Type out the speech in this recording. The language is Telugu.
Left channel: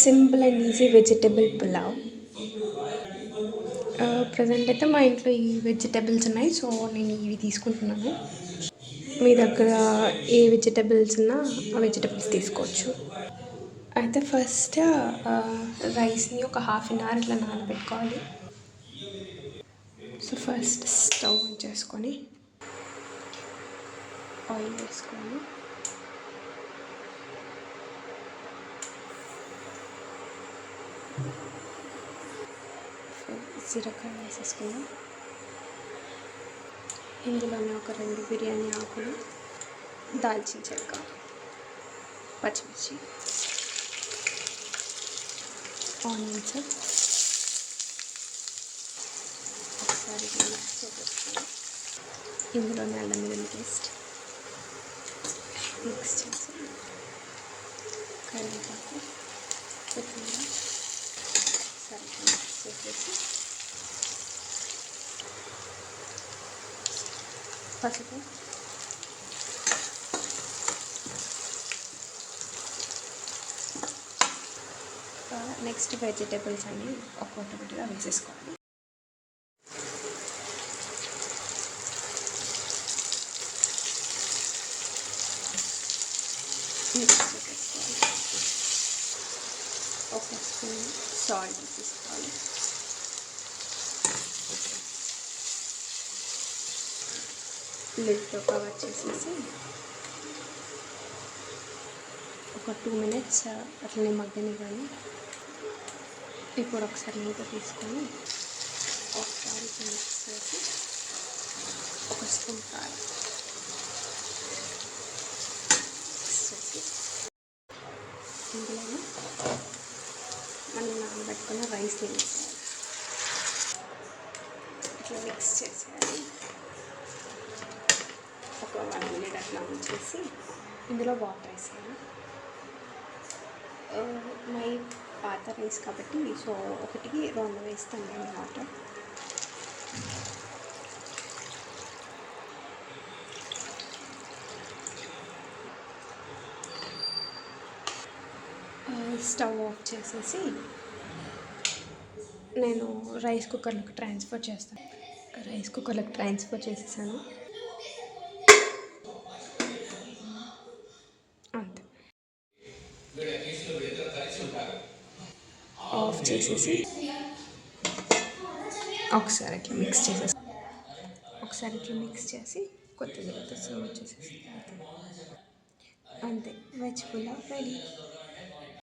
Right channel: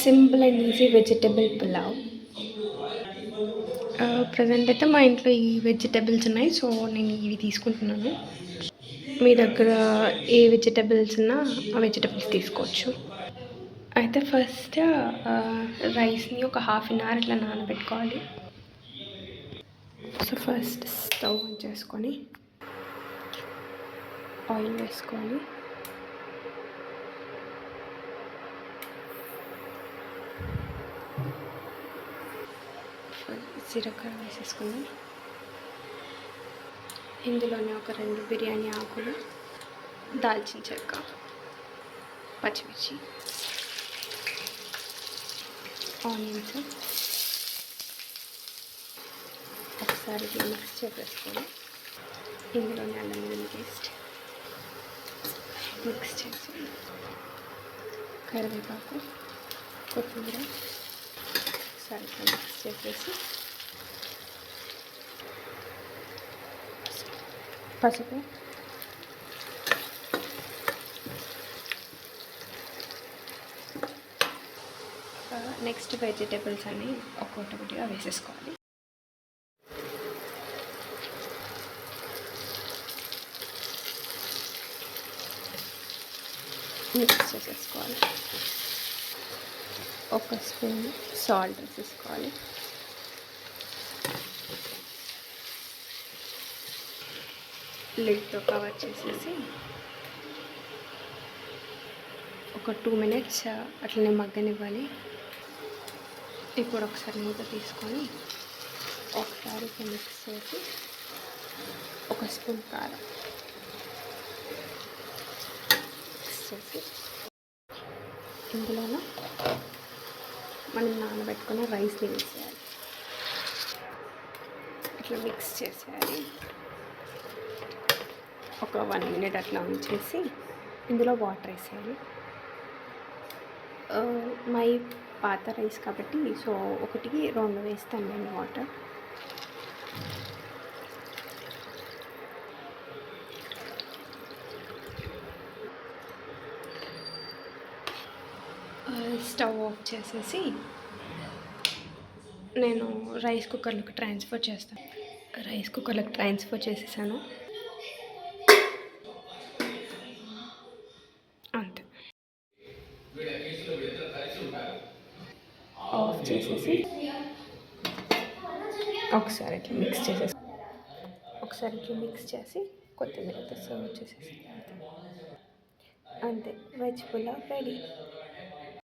Simple and easy vegetable pulao. Present అయితే మా ఇంట్లో ఈ వెజిటబుల్స్ ఉన్నాయి, సో నేను ఇవి తీసుకుంటున్నాను. మీ దగ్గర ఏ వెజిటబుల్స్ ఉన్నా ఆ వెజిటబుల్స్ తీసుకోవచ్చు. అయితే ఫస్ట్ రైస్ని ఒక హాఫ్ అన్ అవర్ ఇట్లా నానబెట్టుకోవాలి. సో ఫస్ట్ స్టవ్ ఆన్ చేసుకొని ఆయిల్ వేసుకోవాలి. జీలకర్ర వేసేసుకుందాం. ఇందులోనే ఒక 2 బిర్యానీ ఆకులు, దాల్చిన చెక్క, పచ్చిమిర్చి, ఆనియన్స్ ఒకసారి మిక్స్ చేసేసుకొని ఇందులోనే అల్లం వెల్లుల్లి పేస్ట్ మిక్స్ చేసి కరివేపాకు, కొత్తిమీర ఒకసారి మిక్స్ చేసేసి పసుపు, నెక్స్ట్ వెజిటేబుల్స్ అన్నీ ఒక్కొక్కటిగా వేసేసుకోవాలి. మిక్స్ చేసేసుకోవాలి. ఒక స్పూన్ సాల్ట్ వేసేసుకోవాలి. లిడ్తో కవర్ చేసేసి ఒక 2 minutes అట్లనే మగ్గనివ్వాలి. ఇప్పుడు ఒకసారి మూత తీసుకొని ఒకసారి మిక్స్ చేసి ఒక స్పూన్ కారం ఇందులోనూ మనం నానబెట్టుకున్న రైస్ వేసేయాలి. ఇట్లా మిక్స్ చేసేయాలి. ఒక 1 minute అట్లా ఉంచేసి ఇందులో వాటర్ వేసేయాలి. మై పాత రైస్ కాబట్టి సో 1-2 వేస్తాను నేను వాటర్. స్టవ్ ఆఫ్ చేసేసి నేను రైస్ కుక్కర్లోకి ట్రాన్స్ఫర్ చేస్తాను. రైస్ కుక్కర్లోకి ట్రాన్స్ఫర్ చేసేసాను. అంతే. ఆఫ్ చేసేసి ఒకసారి ఇట్లా మిక్స్ చేసి కొత్తిమీరతో సర్వ్ చేసేసి అంతే, వెజ్ పులావ్ రెడీ.